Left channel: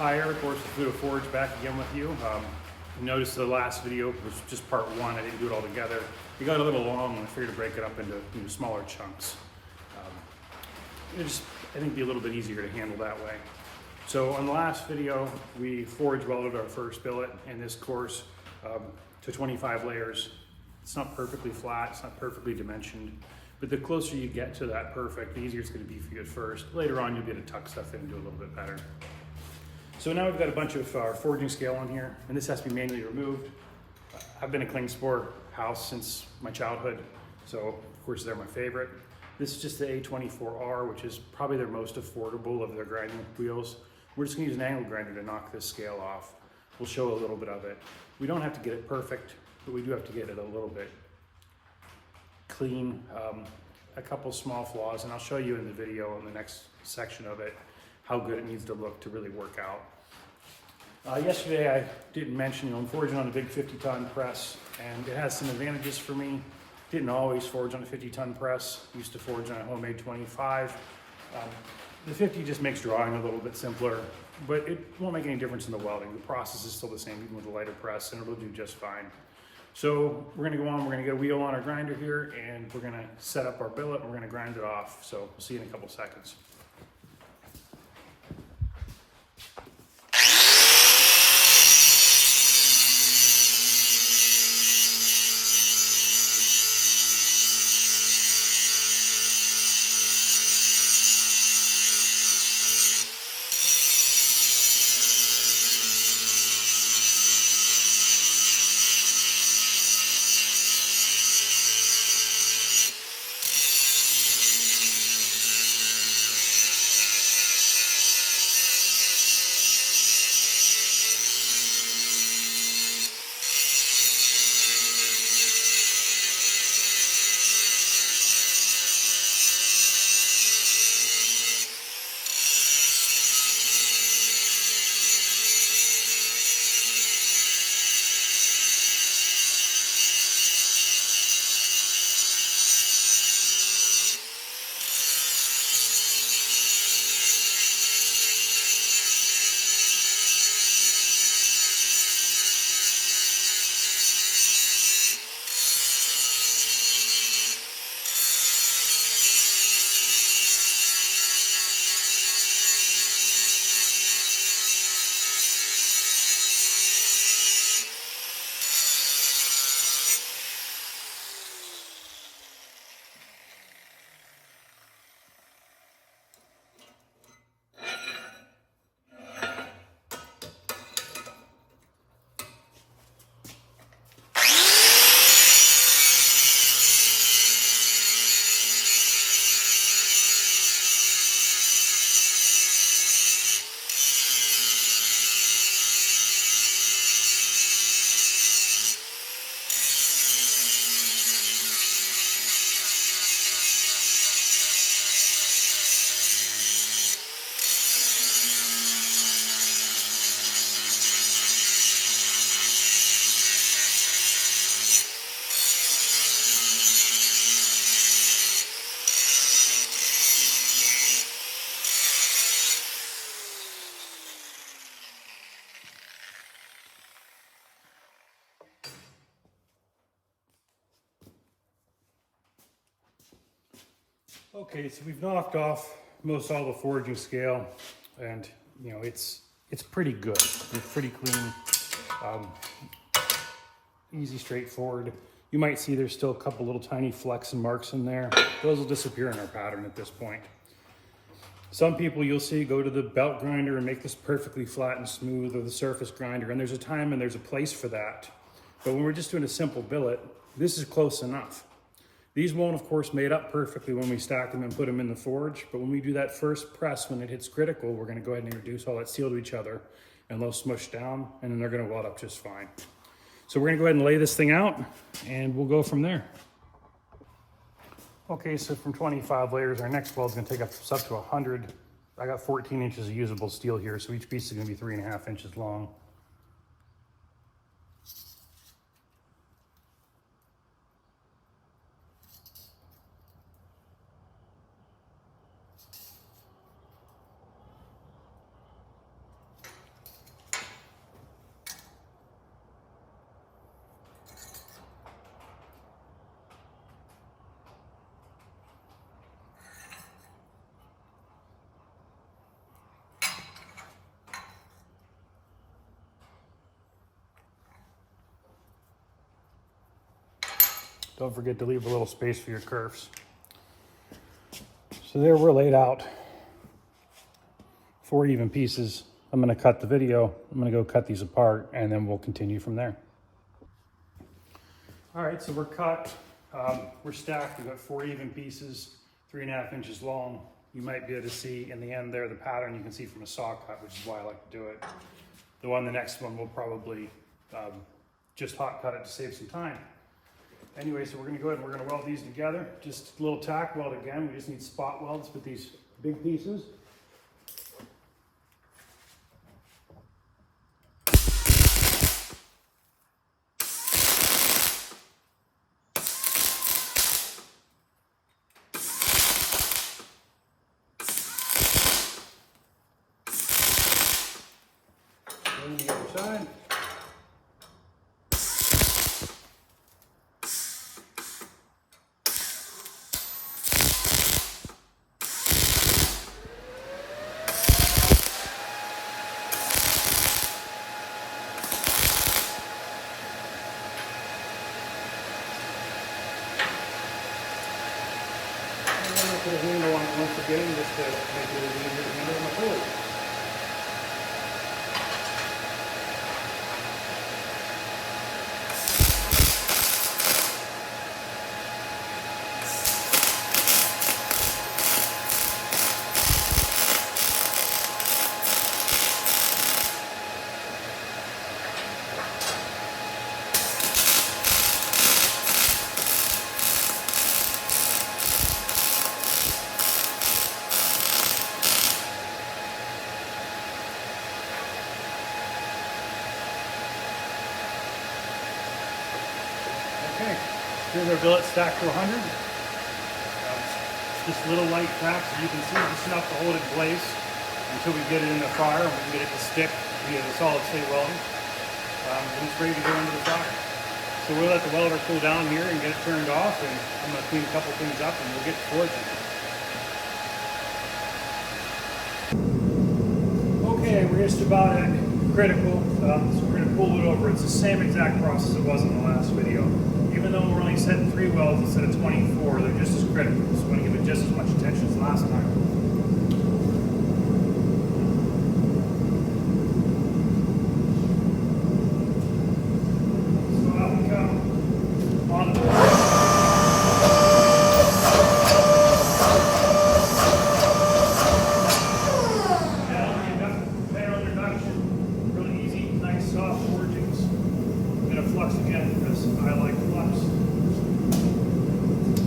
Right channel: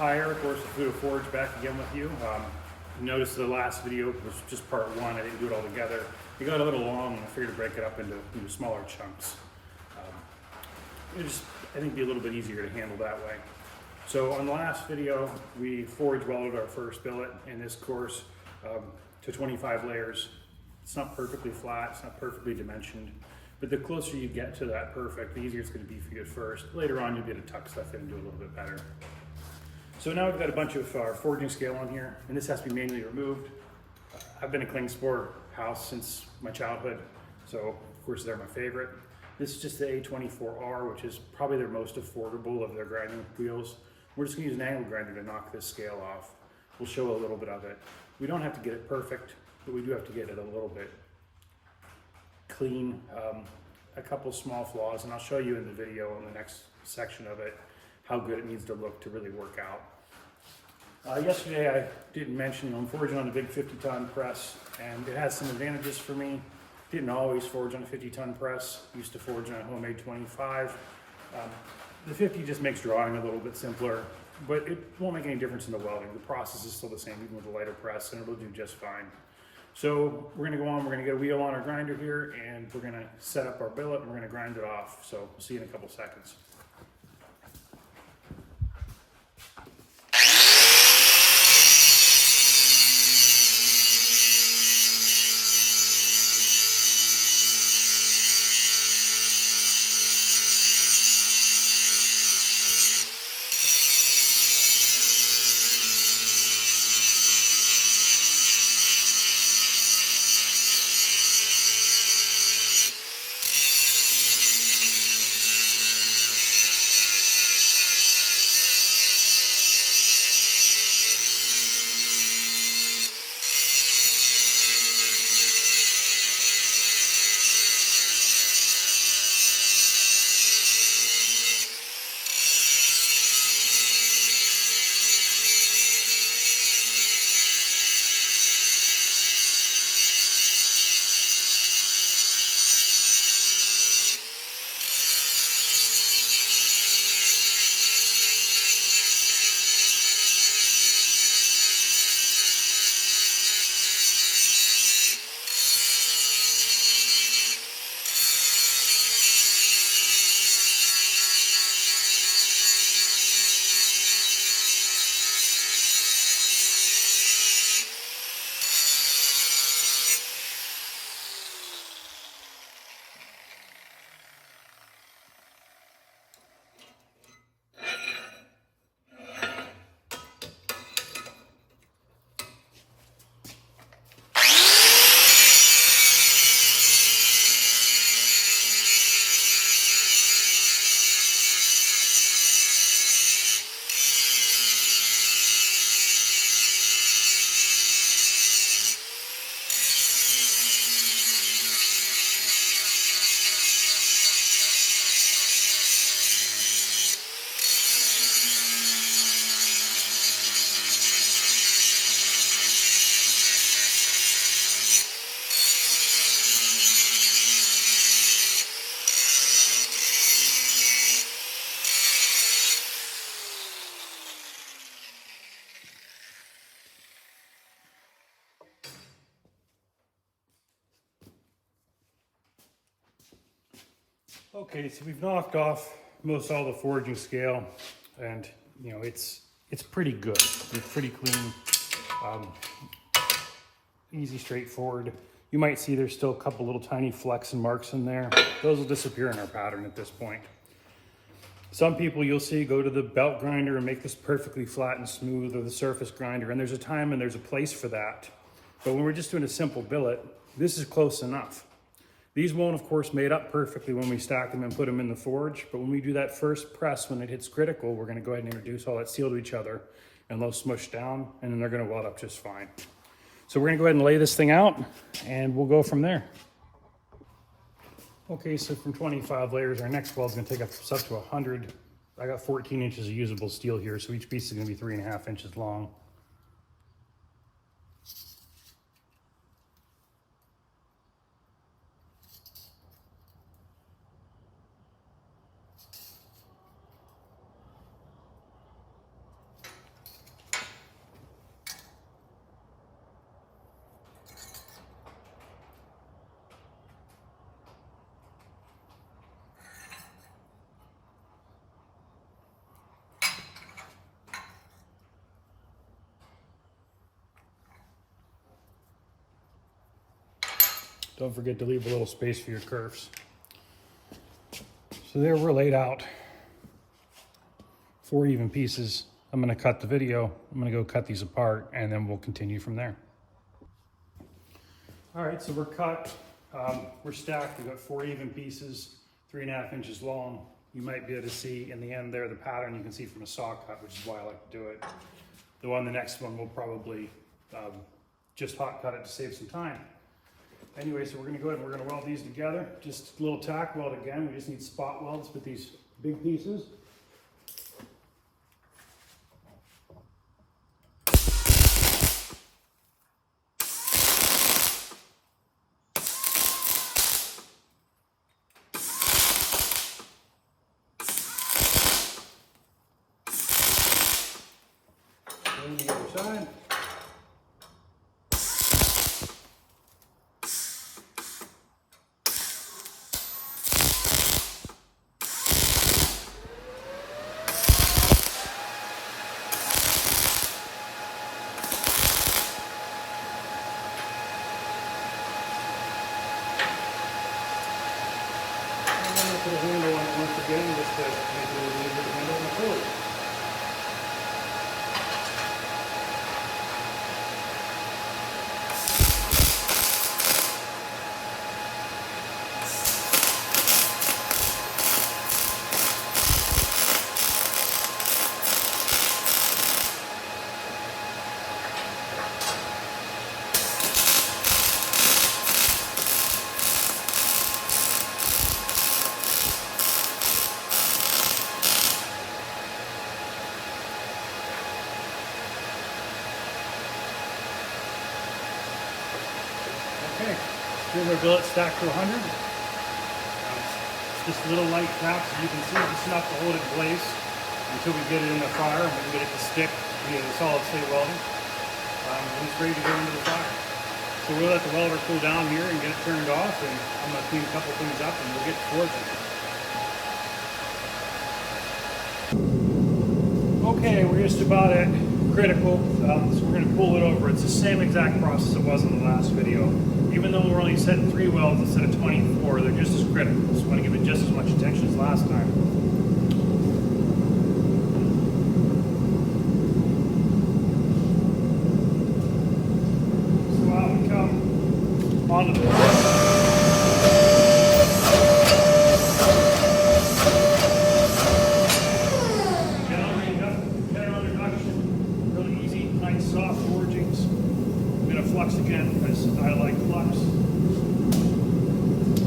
Hi, Eric, Horse Through the Forge, back again with you. You noticed the last video was just part one. I didn't do it all together. It got a little long, and I figured to break it up into smaller chunks. I think it'd be a little bit easier to handle that way. So on the last video, we forge welded our first billet in this course to 25 layers. It's not perfectly flat, it's not perfectly dimensioned, but the closer you get to that perfect, the easier it's going to be for you at first. Later on, you'll be able to tuck stuff in and do a little bit better. So now we've got a bunch of forging scale on here, and this has to be manually removed. I've been a Klingspor house since my childhood, so of course they're my favorite. This is just the A24R, which is probably their most affordable of their grinding wheels. We're just gonna use an angle grinder to knock this scale off. We'll show a little bit of it. We don't have to get it perfect, but we do have to get it a little bit clean. A couple small flaws, and I'll show you in the video in the next section of it how good it needs to look to really work out. Yesterday I didn't mention, I'm forging on a big 50-ton press, and it has some advantages for me. Didn't always forge on a 50-ton press. Used to forge on a homemade 25. The 50 just makes drawing a little bit simpler, but it won't make any difference in the welding. The process is still the same, even with a lighter press, and it'll do just fine. So we're gonna go on, we're gonna get a wheel on our grinder here, and we're gonna set up our billet, and we're gonna grind it off. So we'll see you in a couple seconds. Okay, so we've knocked off most all the forging scale, and it's pretty good. It's pretty clean, easy, straightforward. You might see there's still a couple little tiny flecks and marks in there. Those will disappear in our pattern at this point. Some people you'll see go to the belt grinder and make this perfectly flat and smooth, or the surface grinder, and there's a time and there's a place for that. But when we're just doing a simple billet, this is close enough. These won't, of course, mate up perfectly when we stack them and put them in the forge, but when we do that first press, when it hits critical, we're gonna go ahead and introduce all that steel to each other, and they'll smush down, and then they're gonna weld up just fine. So we're gonna go ahead and lay this thing out, and we'll go from there. Okay, so from 25 layers, our next weld is gonna take us up to 100. I got 14 inches of usable steel here, so each piece is gonna be 3.5 inches long. Don't forget to leave a little space for your kerfs. So there we're laid out 4 even pieces. I'm going to cut the video. I'm going to go cut these apart and then we'll continue from there. All right, so we're cut. We're stacked. We've got 4 even pieces, 3.5 inches long. You might be able to see in the end there the pattern you can see from a saw cut, which is why I like to do it. The next one, we'll probably just hot cut it to save some time. Anyway, so we're going to go ahead and we're going to weld these together. Just a little tack weld again. We just need spot welds with these big pieces. Then the other side. Put a handle on it once again just to make it easier to handle on the forward. Okay, here's our billet stacked to 100. Just a little light tap, so you can see just enough to hold it in place until we get it in the fire and we can get it to stick via the solid state welding. And it's ready to go into the fire. So we'll let the welder cool down here and get it turned off, and I'm going to clean a couple things up and we'll get to forging. Okay, we're just about at critical, so we're going to pull it over. It's the same exact process it was in the last video. Even though we're only setting 3 welds instead of 24, they're just as critical. So we want to give it just as much attention as last time. So out we come onto the furnace. General introduction, really easy, nice, soft forgings. I'm going to flux again because I like flux.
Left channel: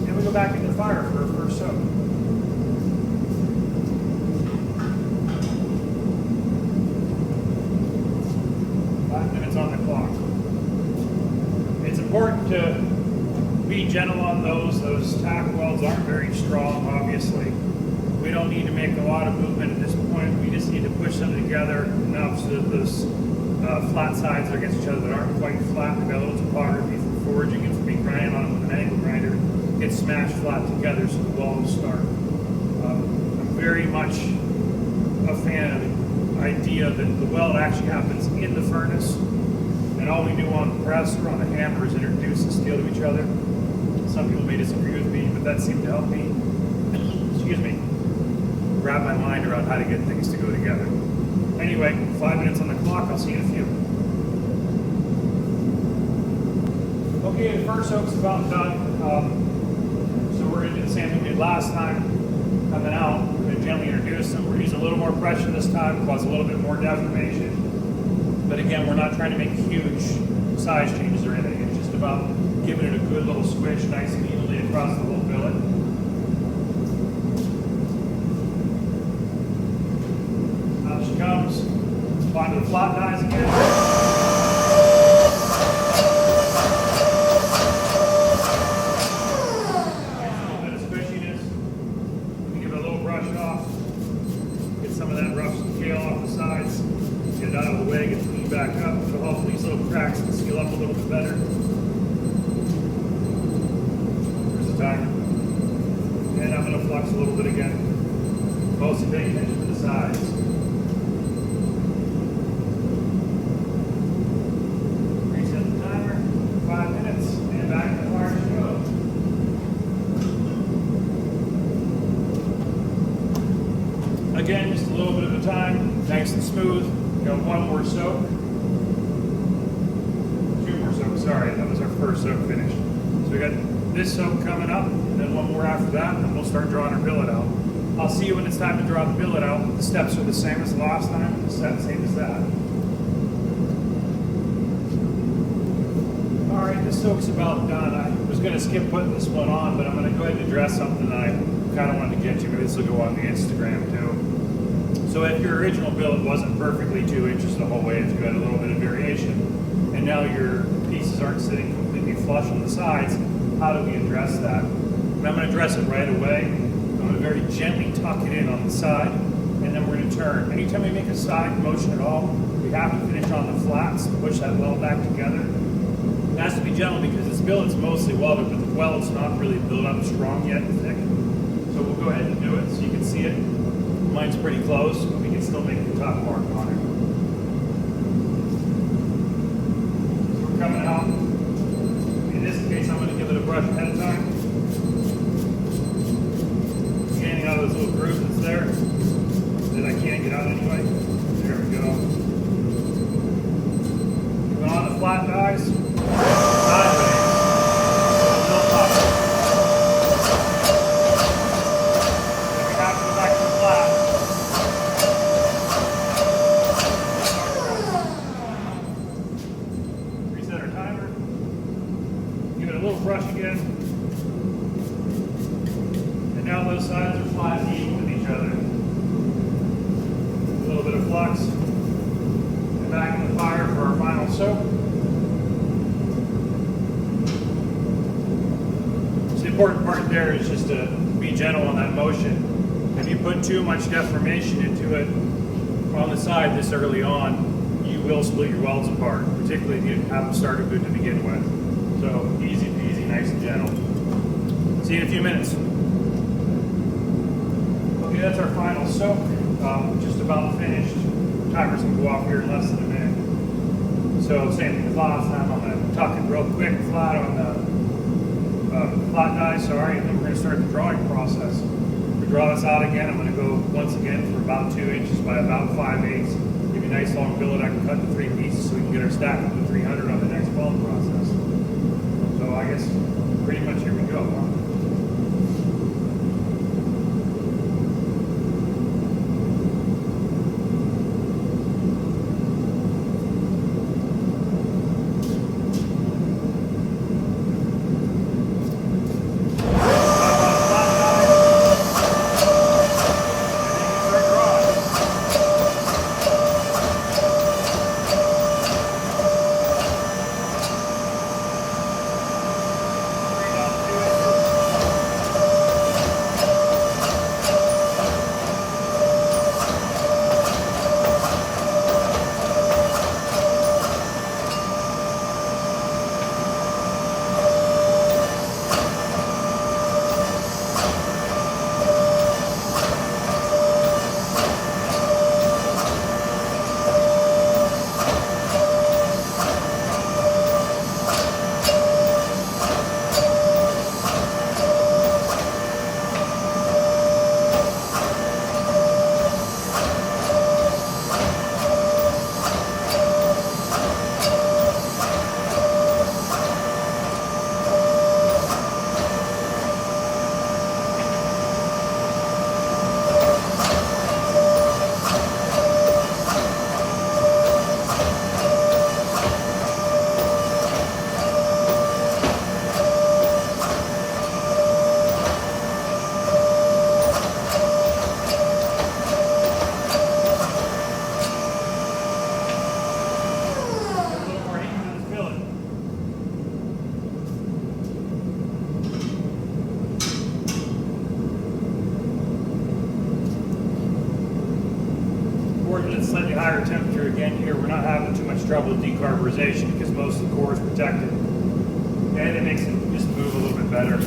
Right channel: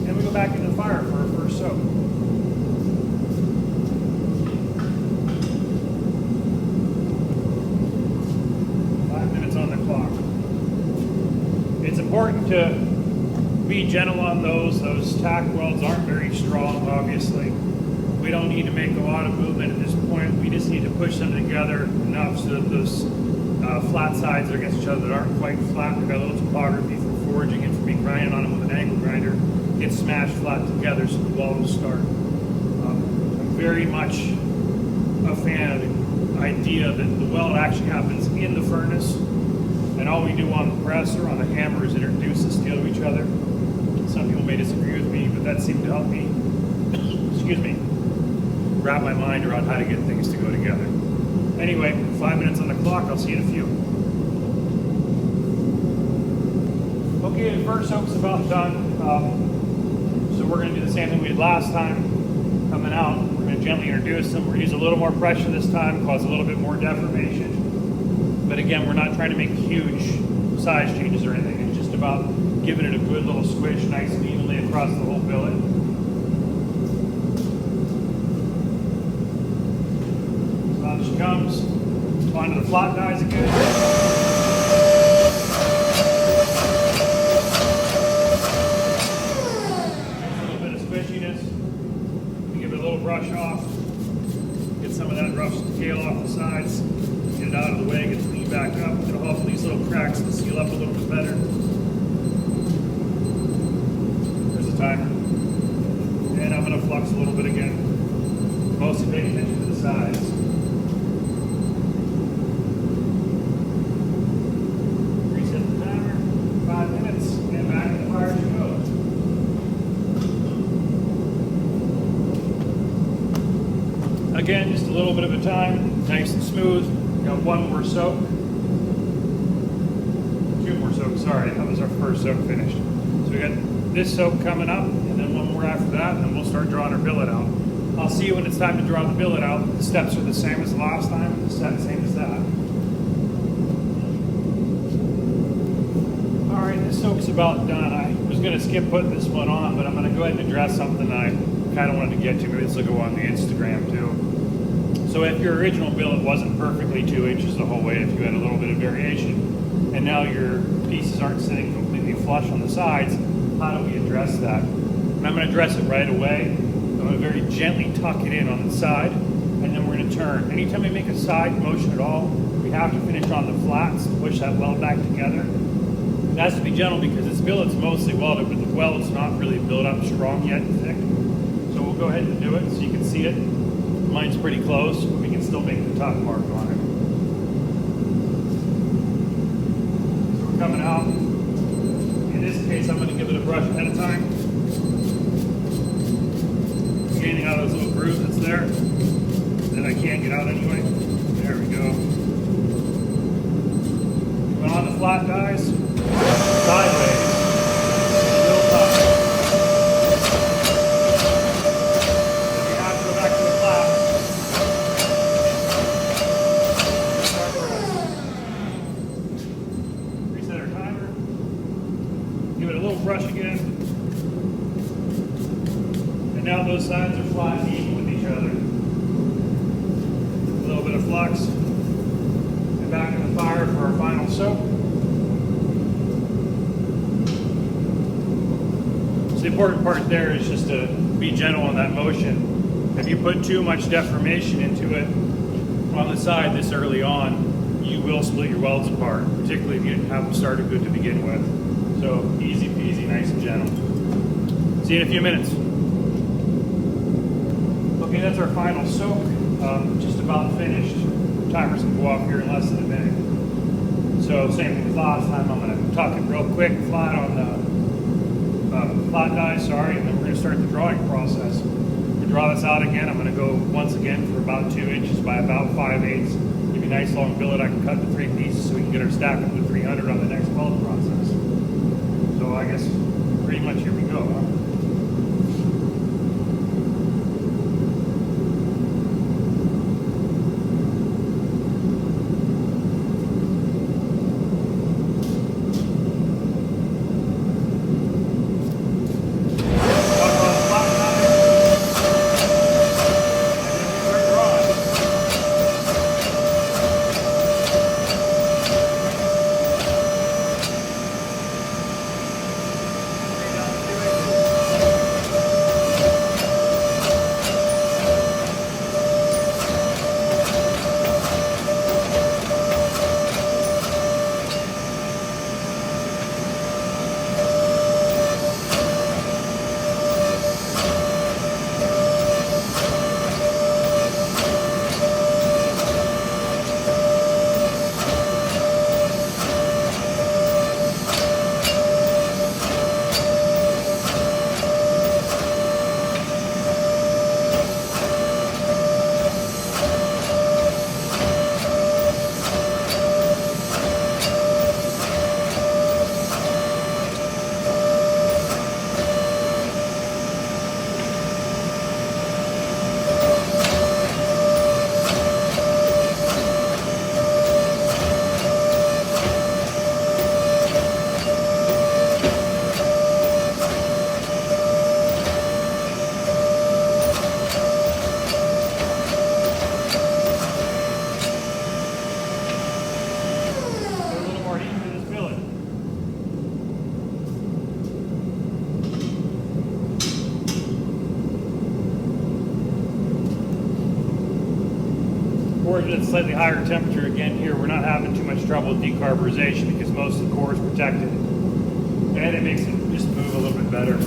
And we go back into the fire for our first soak. On the clock. It's important to be gentle on those. Those tack welds aren't very strong, obviously. We don't need to make a lot of movement at this point. We just need to push them together enough so that those flat sides are against each other that aren't quite flat. We've got a little topography from forging and from being grinding on them with an angle grinder. Get smashed flat together so the weld will start. I'm very much a fan of the idea that the weld actually happens in the furnace. And all we do on the press or on the hammer is introduce the steel to each other. Some people may disagree with me, but that seemed to help me, excuse me, wrap my mind around how to get things to go together. Anyway, 5 minutes on the clock. I'll see you in a few. Okay, the first soak's about done. So we're going to do the same thing we did last time. Coming out, we're going to gently introduce them. We're using a little more pressure this time, cause a little bit more deformation. But again, we're not trying to make huge size changes or anything. It's just about giving it a good little squish, nice and evenly across the whole billet. Out she comes. Onto the flat dies again. A little bit of squishiness. We give it a little brush off. Get some of that rough scale off the sides. Get it out of the way, get cleaned back up. It'll help these little cracks to seal up a little bit better. There's the timer. And I'm going to flux a little bit again. Mostly paying attention to the sides. Reset the timer, 5 minutes, and back to the fire she goes. again, just a little bit of a time, nice and smooth. Got one more soak. Two more soaks, sorry, that was our first soak finished. So we got this soak coming up, and then one more after that, and then we'll start drawing our billet out. I'll see you when it's time to draw the billet out. The steps are the same as the last time, the same as that. All right, the soak's about done. I was gonna skip putting this one on, but I'm gonna go ahead and address something that I kind of wanted to get to. Maybe this will go on the Instagram too. So if your original billet wasn't perfectly 2 inches the whole way, if you had a little bit of variation, and now your pieces aren't sitting completely flush on the sides, how do we address that? And I'm going to address it right away. I'm going to very gently tuck it in on the side, and then we're going to turn. Anytime we make a side motion at all, we have to finish on the flats, push that weld back together. It has to be gentle because this billet's mostly welded, but the weld's not really built up strong yet and thick. So we'll go ahead and do it so you can see it. Mine's pretty close, but we can still make the top mark on it. So we're coming out. In this case, I'm going to give it a brush ahead of time. Getting out of those little grooves that's there that I can't get out anyway. There we go. Going on the flat dies. Sideways. Real top. Then we have to go back to the flat. Reset our timer. Give it a little brush again. And now those sides are flat and even with each other. A little bit of flux. And back in the fire for our final soak. The important part there is just to be gentle in that motion. If you put too much deformation into it on the side this early on, you will split your welds apart, particularly if you didn't have them started good to begin with. So easy peasy, nice and gentle. See you in a few minutes. Okay, that's our final soak. Just about finished. Timer's gonna go off here in less than a minute. So same thing as last time. I'm gonna tuck it real quick, flat on the flat die, sorry, and then we're going to start the drawing process. We draw this out again. I'm going to go once again for about 2 inches by about 5/8. Give you a nice long billet I can cut in 3 pieces so we can get our stack up to 300 on the next weld process. So I guess pretty much here we go. Working at a slightly higher temperature again here, we're not having too much trouble with decarburization because most of the core is protected. And it makes it just move a little bit better.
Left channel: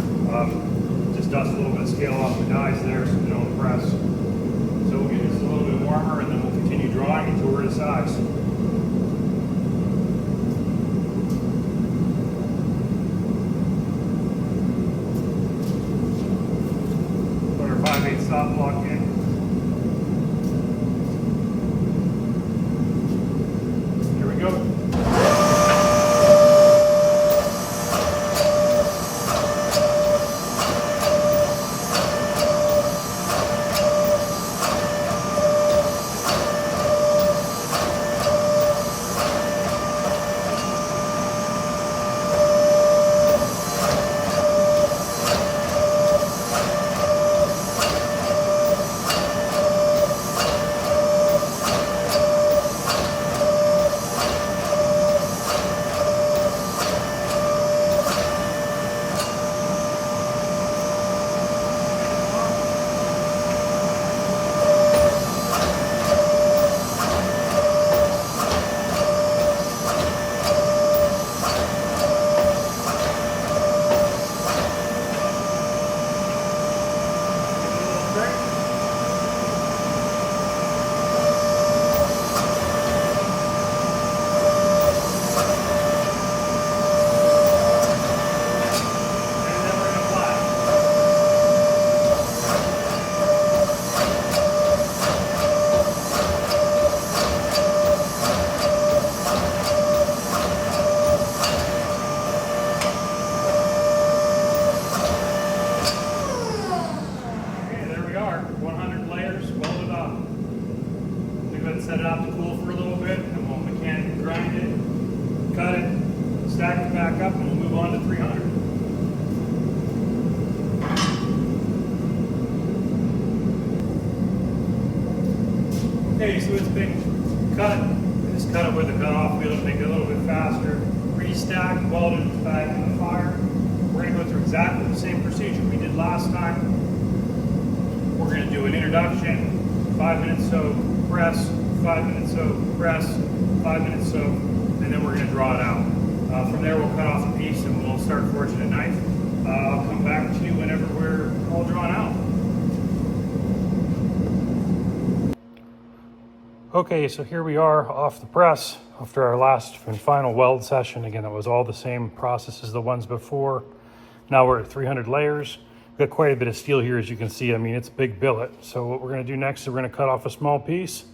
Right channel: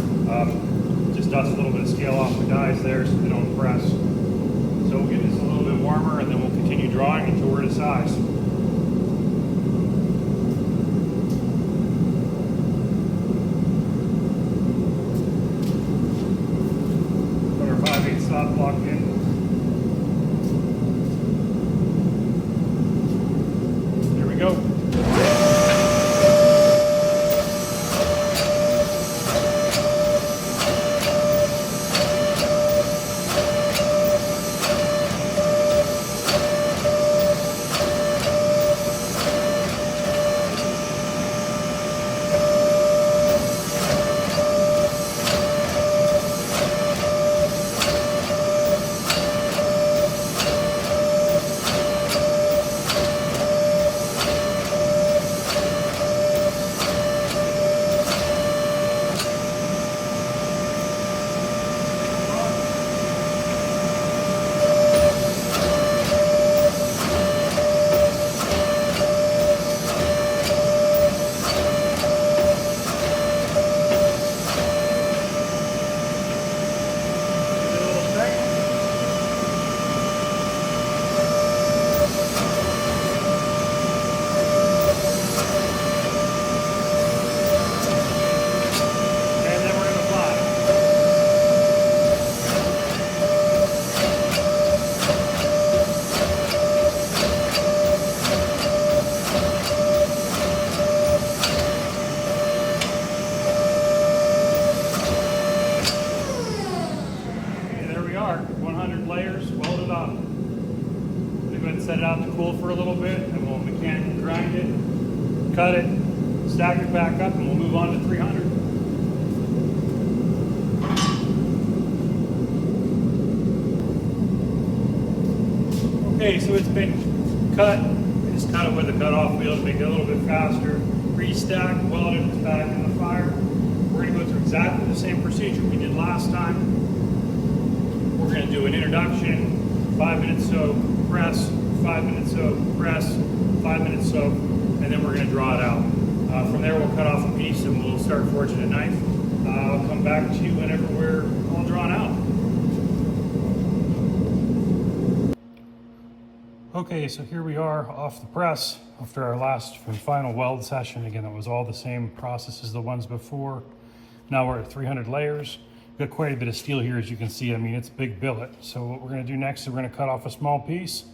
Just dust a little bit of scale off the dies there so they don't press. So we'll get this a little bit warmer and then we'll continue drawing until we're to size. Put our 5/8 stop block in. 300 layers, welded up. I'm gonna go ahead and set it out to cool for a little bit, and we'll mechanically grind it, cut it, stack it back up, and we'll move on to 300. Okay, so it's been cut. I just cut it with a cut-off wheel to make it a little bit faster. Restacked, welded, it's back in the fire. We're going to go through exactly the same procedure we did last time. We're going to do an introduction, 5 minutes soak, press, 5 minutes soak, press, 5 minutes soak, and then we're going to draw it out. From there, we'll cut off a piece and we'll start forging a knife. I'll come back to you whenever we're all drawn out. Okay, so here we are off the press after our last and final weld session. Again, it was all the same process as the ones before. Now we're at 300 layers. We've got quite a bit of steel here, as you can see. I mean, it's a big billet. So what we're gonna do next is we're gonna cut off a small piece,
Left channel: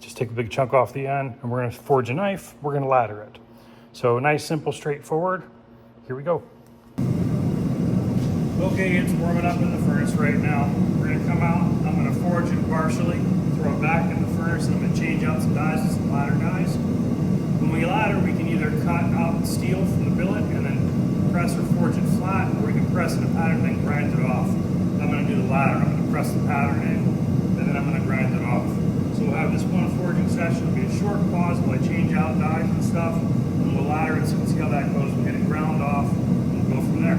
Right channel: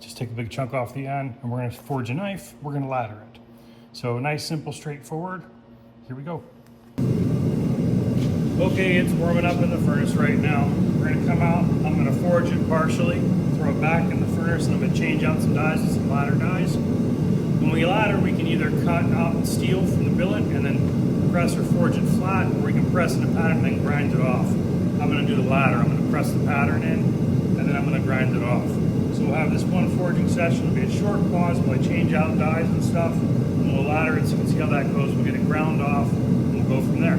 just take a big chunk off the end, and we're gonna forge a knife. We're gonna ladder it. So nice, simple, straightforward. Here we go. Okay, it's warming up in the furnace right now. We're gonna come out, I'm gonna forge it partially, throw it back in the furnace, and I'm gonna change out some dies with some ladder dies. When we ladder, we can either cut out steel from the billet and then press or forge it flat, or we can press in a pattern and then grind it off. I'm gonna do the latter. I'm gonna press the pattern in, and then I'm gonna grind it off. So we'll have this one forging session. It'll be a short pause while I change out dies and stuff, and we'll ladder it so you can see how that goes. We'll get it ground off, and we'll go from there.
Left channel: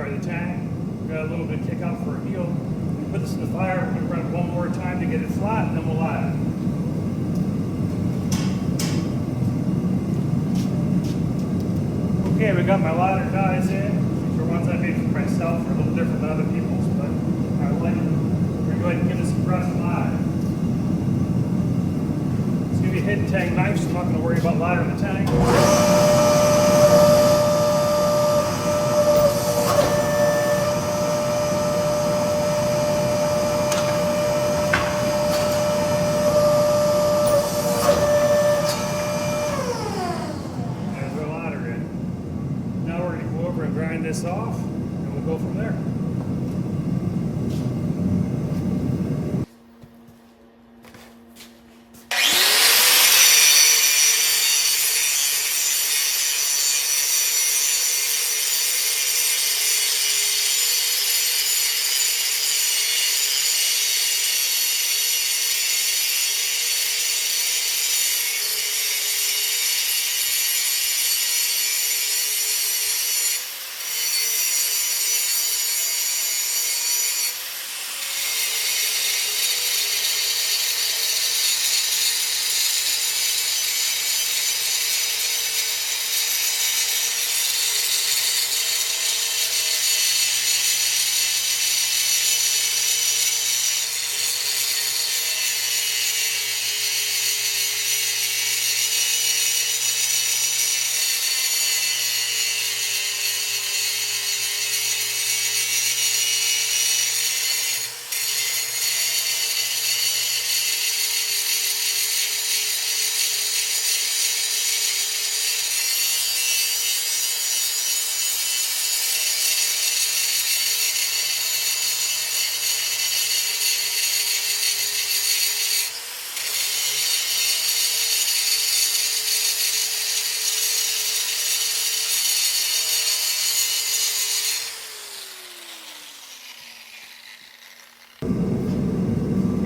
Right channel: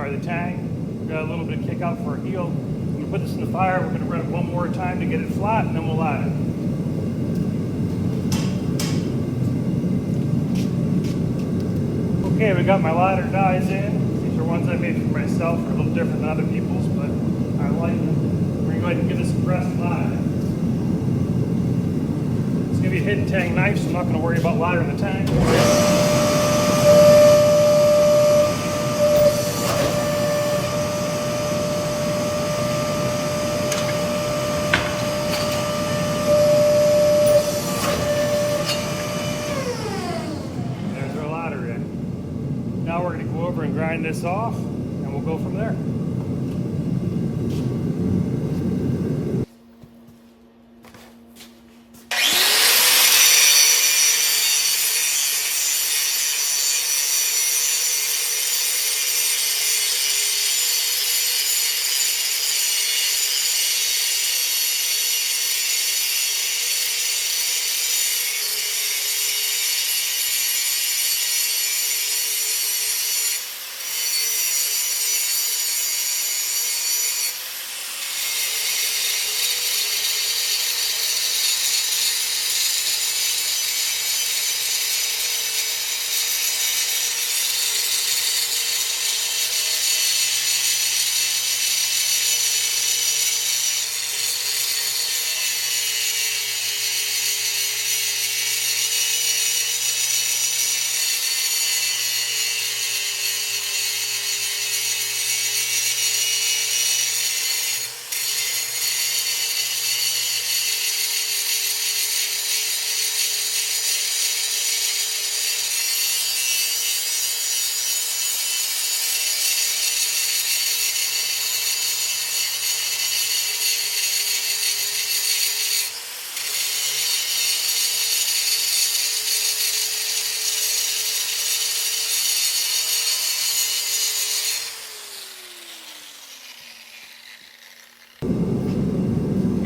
The tang, got a little bit of kick out for a heel. We're going to put this in the fire. We're going to run it one more time to get it flat, and then we'll ladder. Okay, we got my ladder dies in. These are ones I made for myself. They're a little different than other people's, but I like them. We're going to go ahead and give this a press ladder. It's going to be a hidden tang knife, so I'm not going to worry about laddering the tang. Grind this off, and we'll go from there.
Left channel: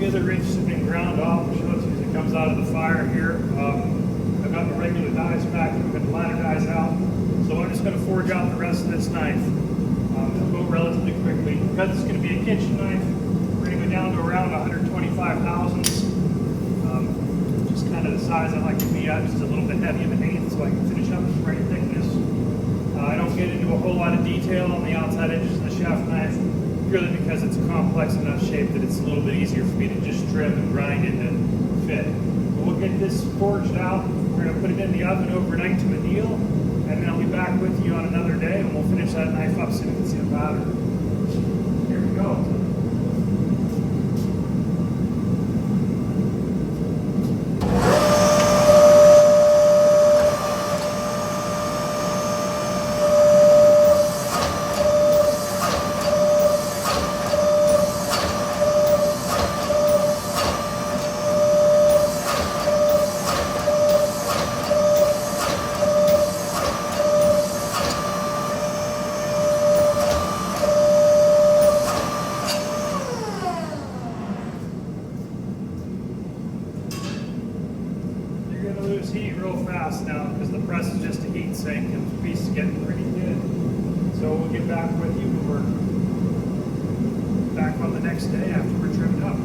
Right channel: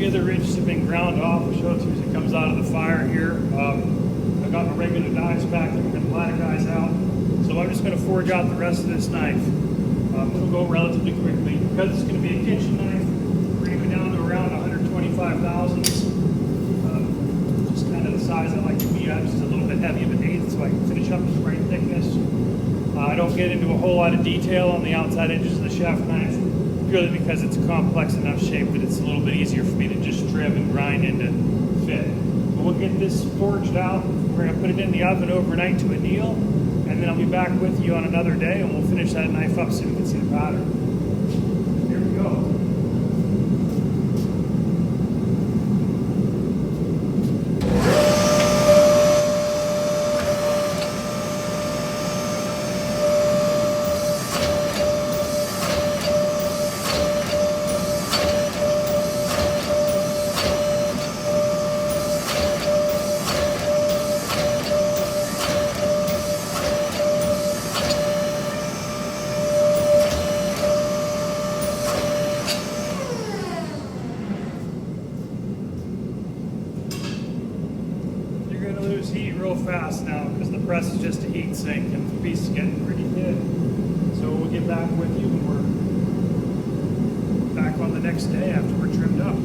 The ridges have been ground off. I'll show it to you as it comes out of the fire here. I've got my regular dies back and we're going to ladder dies out. So I'm just going to forge out the rest of this knife. It'll go relatively quickly. Because it's going to be a kitchen knife, we're going to go down to around 125 thousandths. Just kind of the size I like to be at, just a little bit heavy of an eighth so I can finish up the right thickness. I don't get into a whole lot of detail on the outside edges of the chef knife, purely because it's a complex enough shape that it's a little bit easier for me to just trim and grind into fit. But we'll get this forged out. We're going to put it in the oven overnight to anneal, and then I'll be back with you on another day, and we'll finish that knife up so we can see the pattern. Here we go. Lose heat real fast now because the press is just a heat sink and the piece is getting pretty thin. So we'll get back with you when we're back on the next day after we're trimmed up.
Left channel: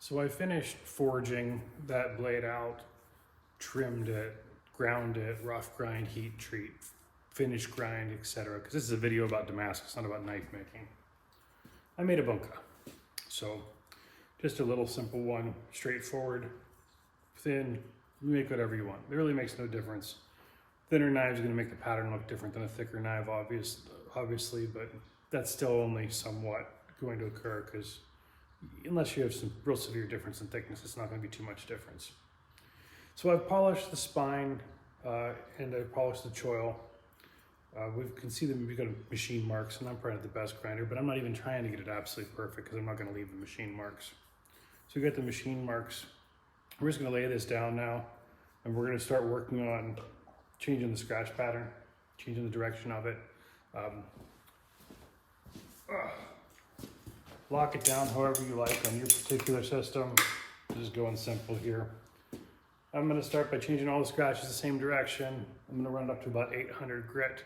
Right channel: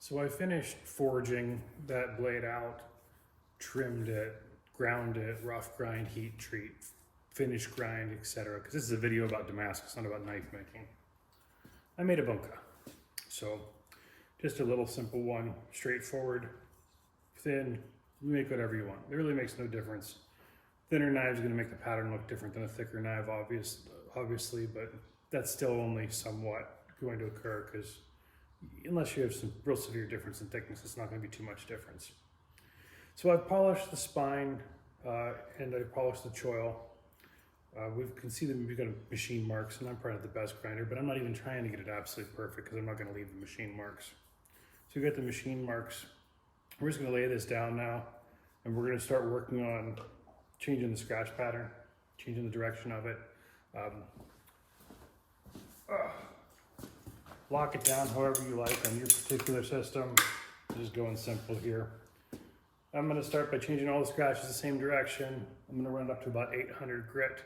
So I finished forging that blade out, trimmed it, ground it, rough grind, heat treat, finish grind, etc. Because this is a video about Damascus, not about knife making. I made a bunka, so just a little simple one, straightforward, thin, you make whatever you want. It really makes no difference. Thinner knives are gonna make the pattern look different than a thicker knife, obviously, but that's still only somewhat going to occur because unless you have some real severe difference in thickness, it's not gonna be too much difference. So I've polished the spine and I polished the choil. We can see that we've got machine marks, and I'm probably not the best grinder, but I'm not even trying to get it absolutely perfect because I'm not going to leave the machine marks. So we got the machine marks. We're just going to lay this down now, and we're going to start working on changing the scratch pattern, changing the direction of it. Lock it down however you like on your particular system. Just going simple here. I'm going to start by changing all the scratches the same direction. I'm going to run it up to about 800 grit.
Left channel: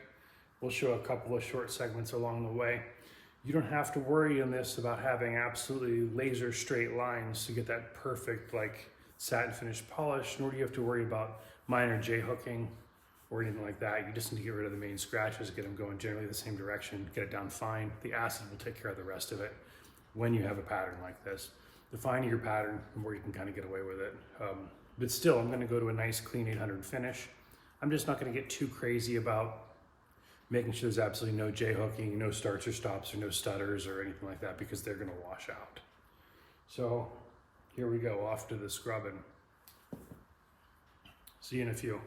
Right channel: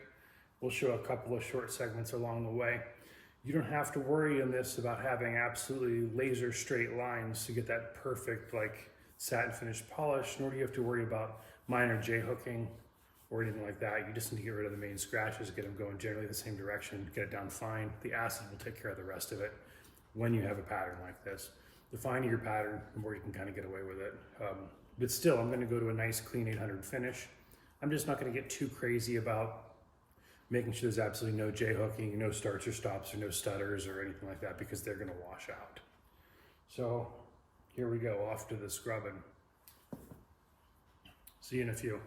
We'll show a couple of short segments along the way. You don't have to worry in this about having absolutely laser straight lines to get that perfect like satin finish polish, nor do you have to worry about minor J-hooking or anything like that. You just need to get rid of the main scratches, get them going generally the same direction, get it down fine. The acid will take care of the rest of it when you have a pattern like this. The finer your pattern, the more you can kind of get away with it. But still, I'm going to go to a nice clean 800 finish. I'm just not going to get too crazy about making sure there's absolutely no J-hooking, no starts or stops, or no stutters or anything like that, because they're going to wash out. So here we go, off to the scrubbing. See you in a few.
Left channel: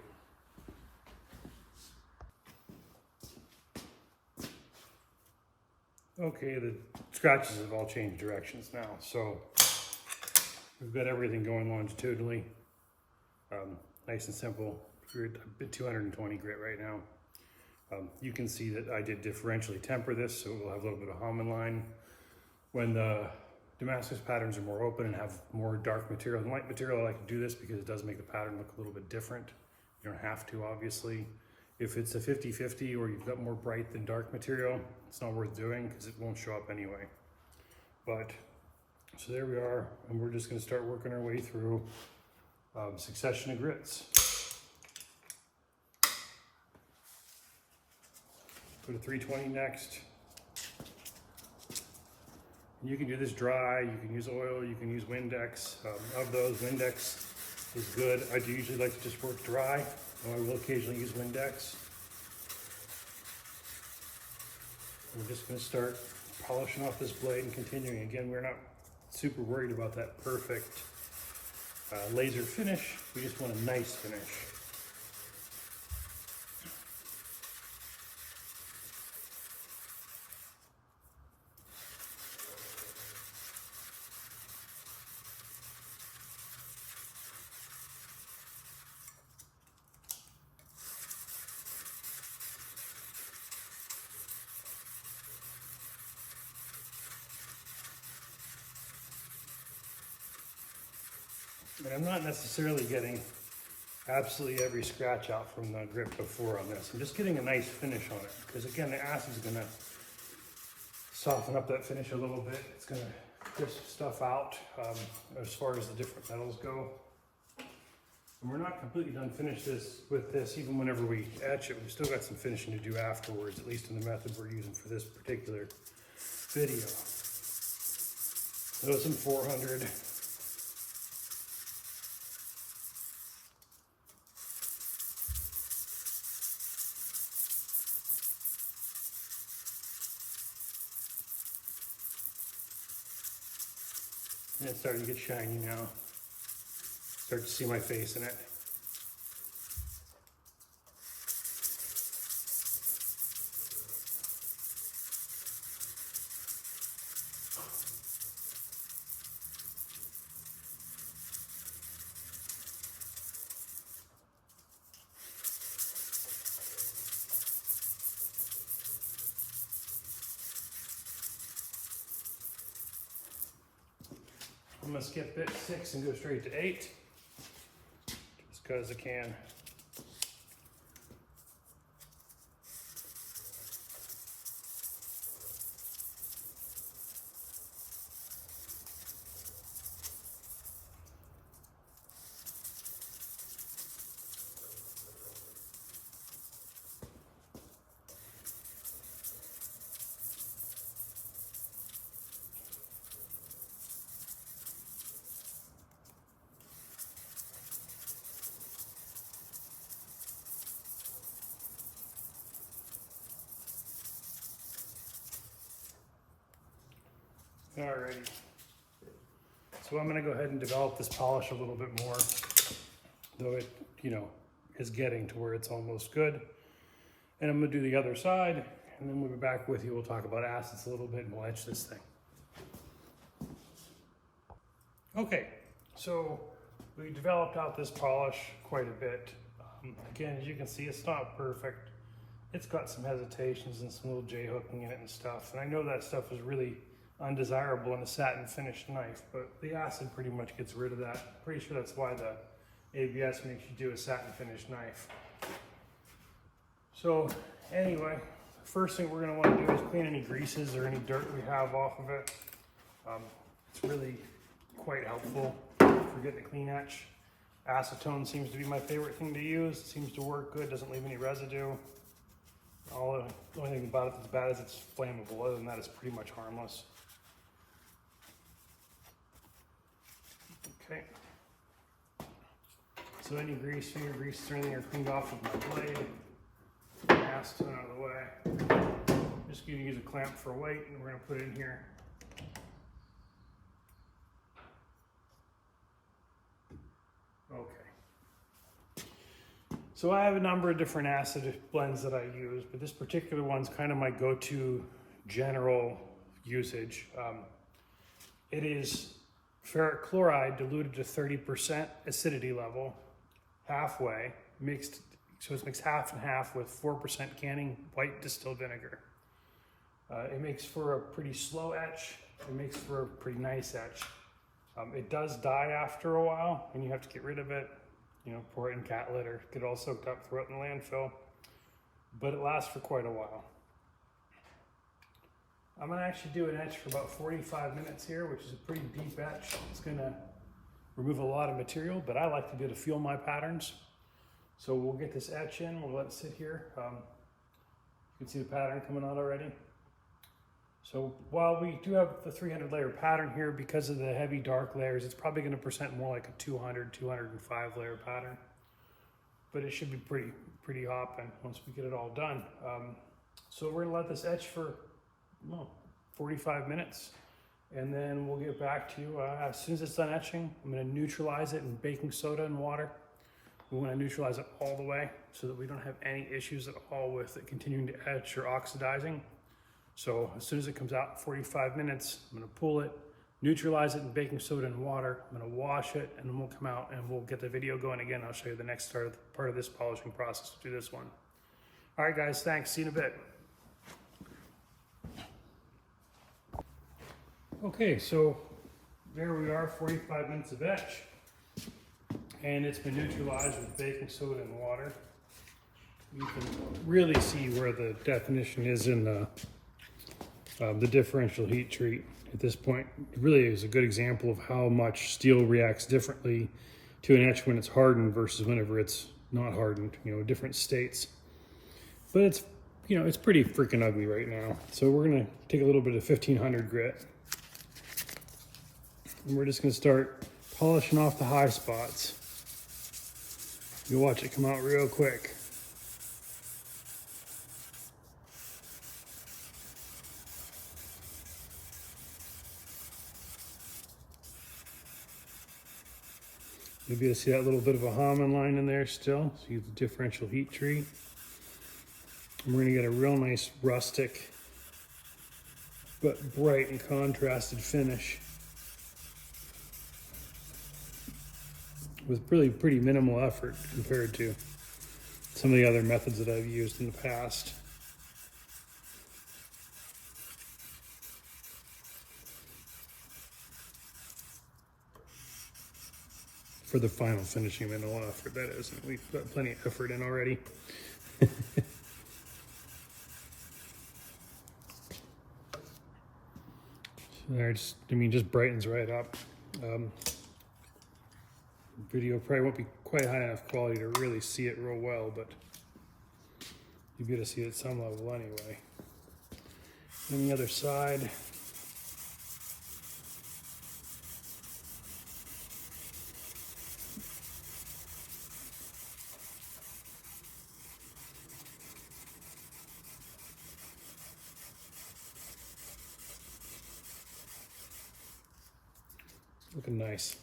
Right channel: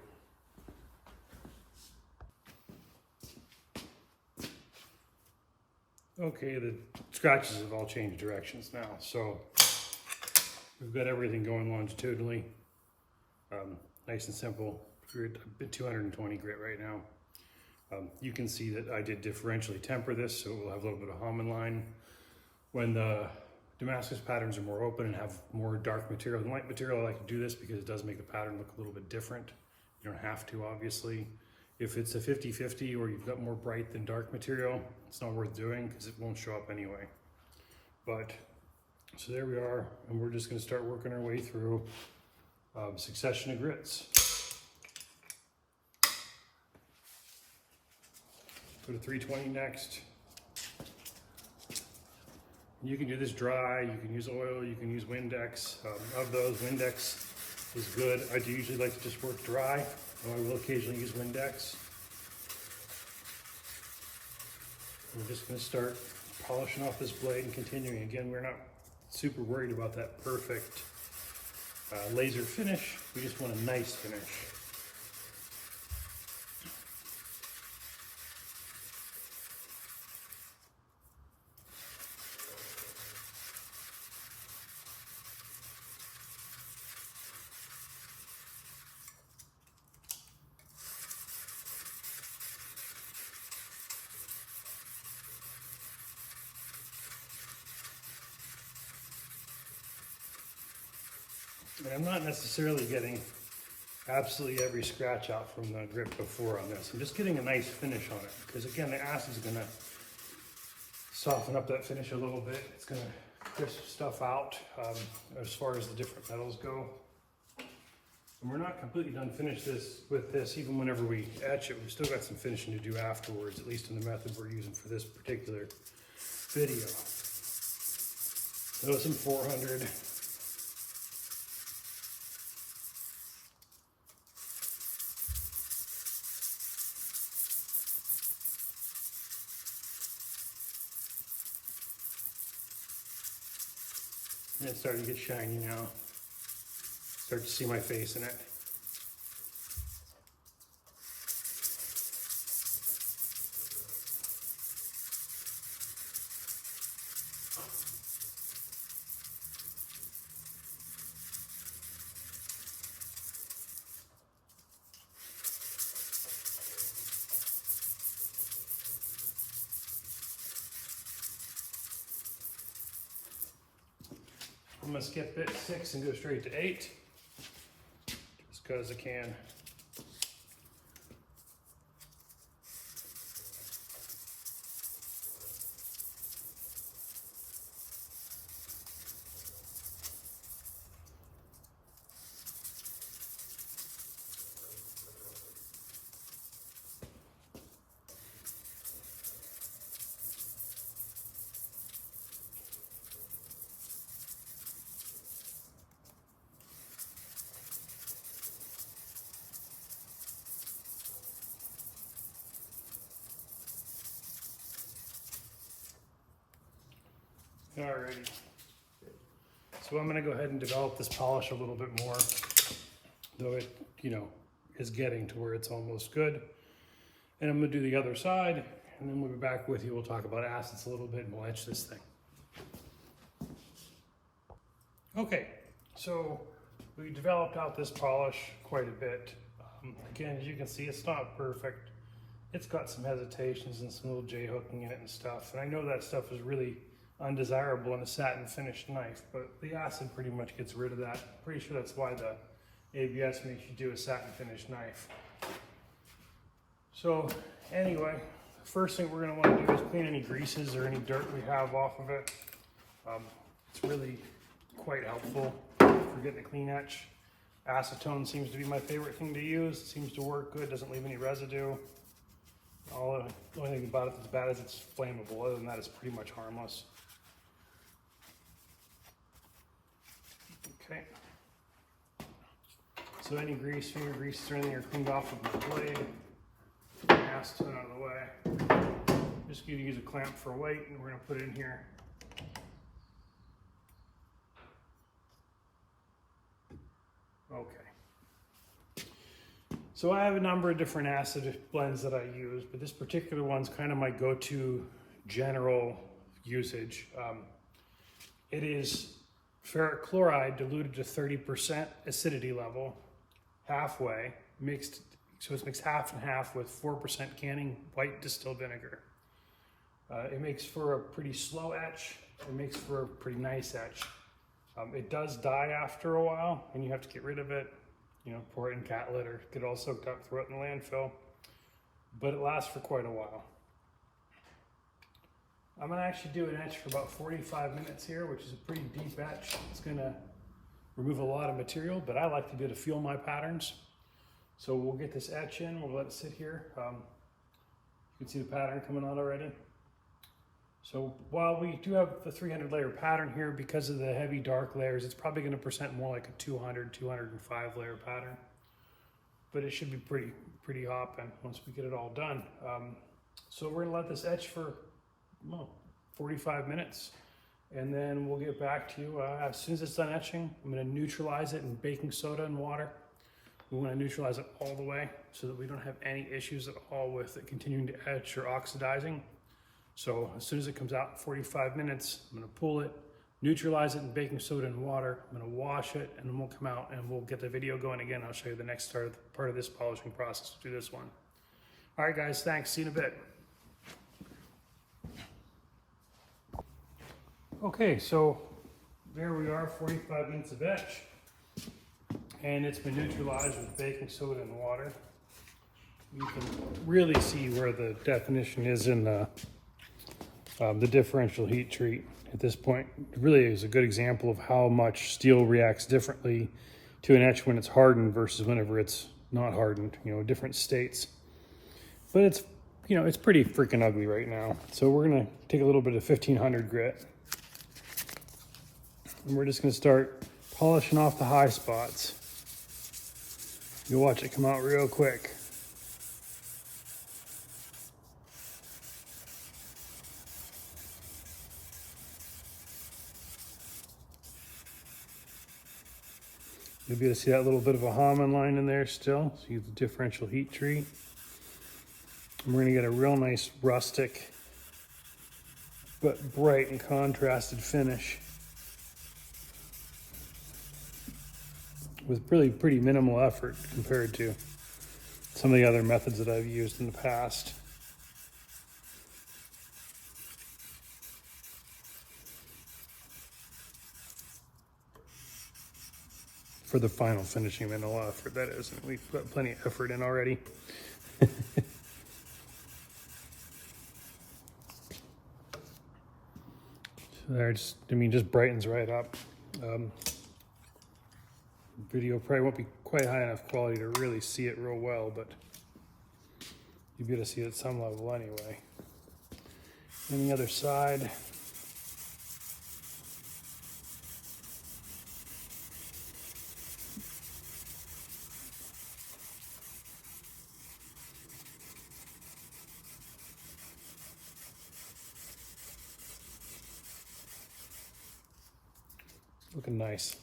Okay, the scratches have all changed directions now. So we've got everything going longitudinally. Nice and simple. We're at 220 grit right now. You can see that I did differentially temper this, so we'll have a little bit of hum and line. When the Damascus patterns are more open and have more dark material than light material, I like to do this because it does make the pattern look a little bit different. You don't have to, obviously. If it's a 50-50 or you've got more bright than dark material, it's not worth doing because it won't show up anyway. But, so there we are, and we're just gonna start working our way through succession of grits. Go to 320 next. You can do this dry, you can use oil, you can use Windex. Of those, Windex is good. I do usually like to just work dry, though I will occasionally use Windex. We're just gonna start polishing off this blade and continuing. Again, we're not super worried about that perfect laser finish. We just want a nice finish. And I'm not necessarily getting absolutely every scratch out from the grip before on this. I'm just getting a nice finish on it, because again, the acid's gonna soften up that finish a little bit. It's gonna crisp stuff out as far as the different metals go. And we're not completely done finished with this, even whenever we etch it. We've still got some finishing to do afterwards, at least in the method we're using for this particular video. So some 400. And it's starting to get shiny now. Start to see my face in it. I'm gonna skip bit 6 and go straight to 8, just because I can. Alrighty, so I'm gonna go ahead and develop this polish a little bit more, though it, is getting to where it's almost good. And I'm gonna do the other side, and then we'll be back with you. We'll talk about acids a little bit, and we'll etch this thing. Okay, so we developed out this polish quite a bit. Again, as you can see, it's not perfect. It's got some hesitations and some little J-hooking in it and stuff. And I know that stuff is really undesirable in a satin finished knife, but the acid pretty much gets rid of that. Pretty sure that's why the ABS makes you do a satin finished knife. So anyway, first thing we're going to want to do is clean any greases or any dirt we have off of it. It's really quite helpful for getting a clean etch. Acetone seems to be my favorite thing to use. It seems to work good, doesn't leave any residue. The only thing about it that's bad is it's flammable. Other than that, it's pretty much harmless. Okay. So any grease, finger grease, or anything are cleaned off with my blade. Acetone out of the way. I'm just going to use a clamp for weight, and we're going to put it in here. Okay. So I have a number of different acid blends that I use, but this particular one's kind of my go-to general usage. It is ferric chloride diluted to 30% acidity level, halfway, mixed, so it's mixed half and half with 4% canning white distilled vinegar. It makes for a pretty slow etch. It makes for a pretty nice etch. It does die after a while, and you have to get rid of it. Pour it in cat litter, get it all soaked up, throw it in the landfill, but it lasts for quite a while. I'm gonna actually do an etch for about 45 minutes here, which is a pretty deep etch. It's gonna remove a lot of material, but I like to be able to feel my patterns. So we'll get this etch in, we'll let it sit here. You can see the pattern coming out already. So while we do have the 300 layer pattern here, because of the heavy dark layers, it's probably going to present more like a 200, 205 layer pattern. But it should be pretty hopping once we get it all done. So we're going to let this etch for 45 minutes. And then we'll get back to you as soon as it's done etching. I'm going to neutralize it in baking soda and water. We want to neutralize it all the way so that we don't have any issues at all with it continuing to etch or oxidizing. So as soon as it comes out in 45 minutes, I'm going to pull it, neutralize it in baking soda and water. I'm going to wash it, and then we'll come out and we'll get the video going again. I'll show you the next part of this polishing process to do this one. All right, guys, thanks. See you in a bit. Okay, so there we are, 45 minutes of etch. and it's been neutralized with baking soda and water. You can really see where the definition is in the differential heat treat at this point. It really is a good example of how much steel reacts differently to an etch when it's hardened versus whenever it's not hardened, different states. But it's, it's pretty freaking ugly right now. So we're gonna take a little bit of 1500 grit, and we're just gonna start polishing off the high spots. You'll watch it come out real quick. You'll be able to see that little bit of a Hamann line in there still. So use the differential heat treat. And we're gonna get a real nice rustic, but bright and contrasted finish with really pretty minimal effort compared to some of the other methods that I've used in the past. For the final finishing, minimal effort, that is. We've got plenty of effort in already. So there, just brightens right up. Video probably won't be quite high enough quality to really see it real well, but you'll be able to see it at some level anyway. On the other side, looking nice.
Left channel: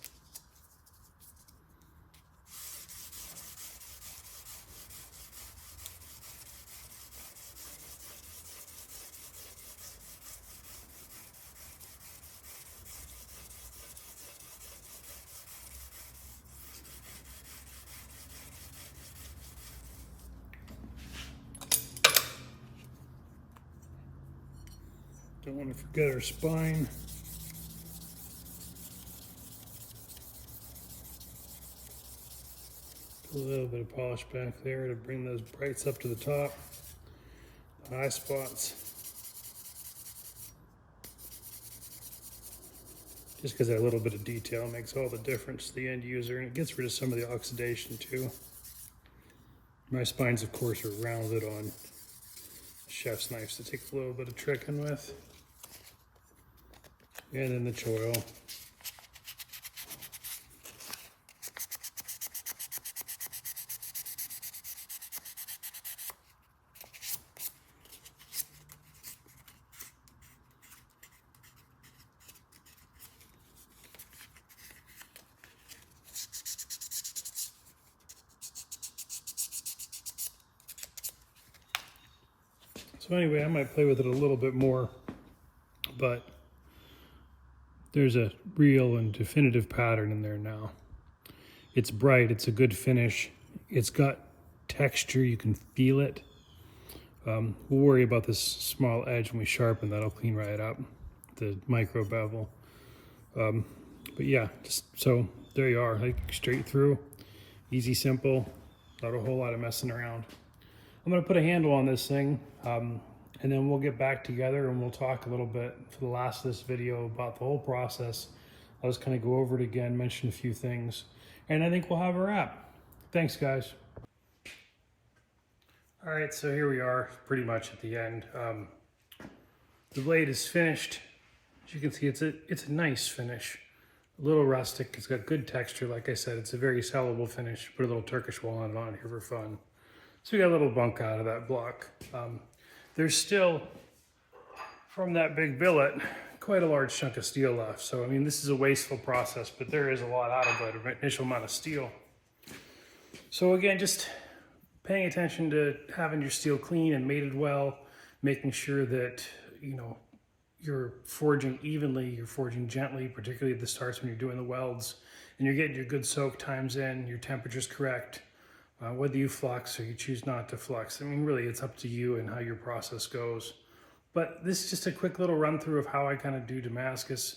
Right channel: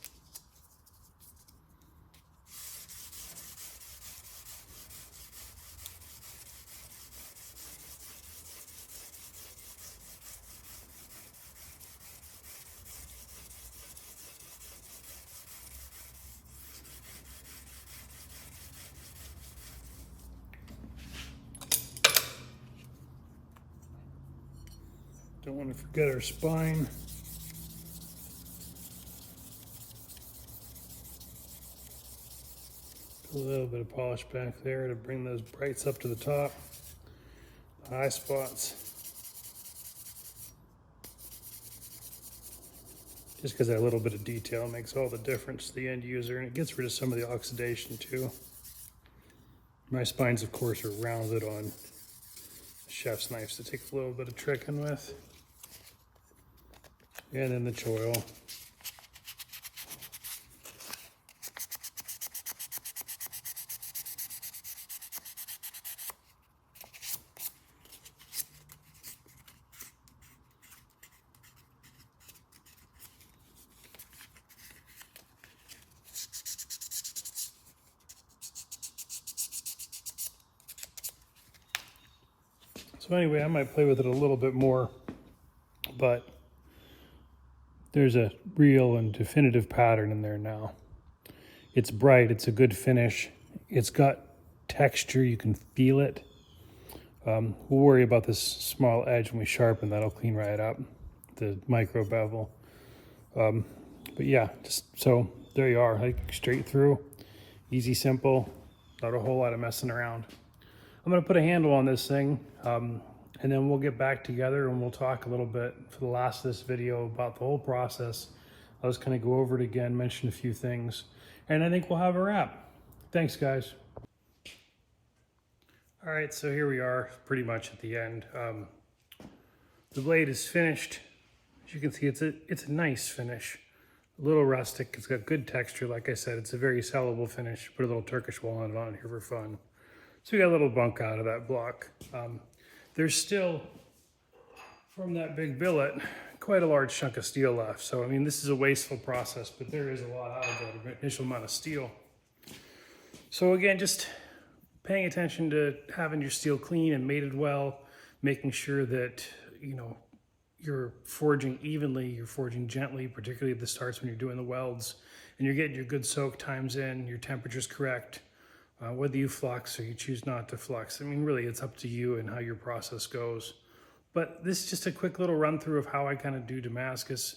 Don't want to forget our spine. A little bit of polish back there to bring those brights up to the top, the high spots. Just because that little bit of detail makes all the difference to the end user, and it gets rid of some of the oxidation too. My spines, of course, are rounded on chef's knives to take a little bit of tricking with. And then the choil. So anyway, I might play with it a little bit more, but there's a real and definitive pattern in there now. It's bright, it's a good finish, it's got texture, you can feel it. We'll worry about this small edge when we sharpen, that'll clean right up, the micro bevel. But yeah, just so there you are, like straight through, easy, simple, not a whole lot of messing around. I'm gonna put a handle on this thing, and then we'll get back together and we'll talk a little bit for the last of this video about the whole process. I'll just kind of go over it again, mention a few things, and I think we'll have a wrap. Thanks, guys. All right, so here we are, pretty much at the end. The blade is finished. As you can see, it's a nice finish. A little rustic, it's got good texture. Like I said, it's a very sellable finish. Put a little Turkish walnut on here for fun. So we got a little bunk out of that block. There's still, from that big billet, quite a large chunk of steel left. So, I mean, this is a wasteful process, but there is a lot out of it, an initial amount of steel. So again, just paying attention to having your steel clean and mated well, making sure that, you're forging evenly, you're forging gently, particularly at the starts when you're doing the welds, and you're getting your good soak times in, your temperature's correct. Whether you flux or you choose not to flux, I mean, really, it's up to you and how your process goes. But this is just a quick little run through of how I kind of do Damascus.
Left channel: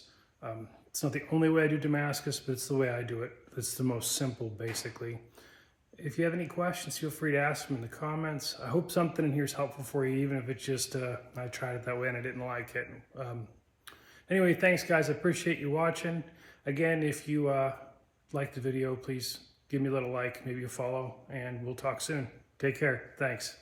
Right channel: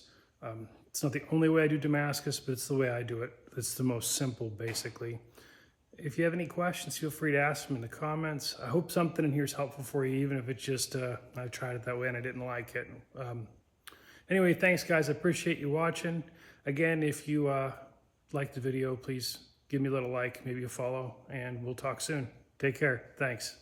It's not the only way I do Damascus, but it's the way I do it. It's the most simple, basically. If you have any questions, feel free to ask them in the comments. I hope something in here is helpful for you, even if it's just, I tried it that way and I didn't like it. Anyway, thanks guys, I appreciate you watching. Again, if you liked the video, please give me a little like, maybe a follow, and we'll talk soon. Take care, thanks.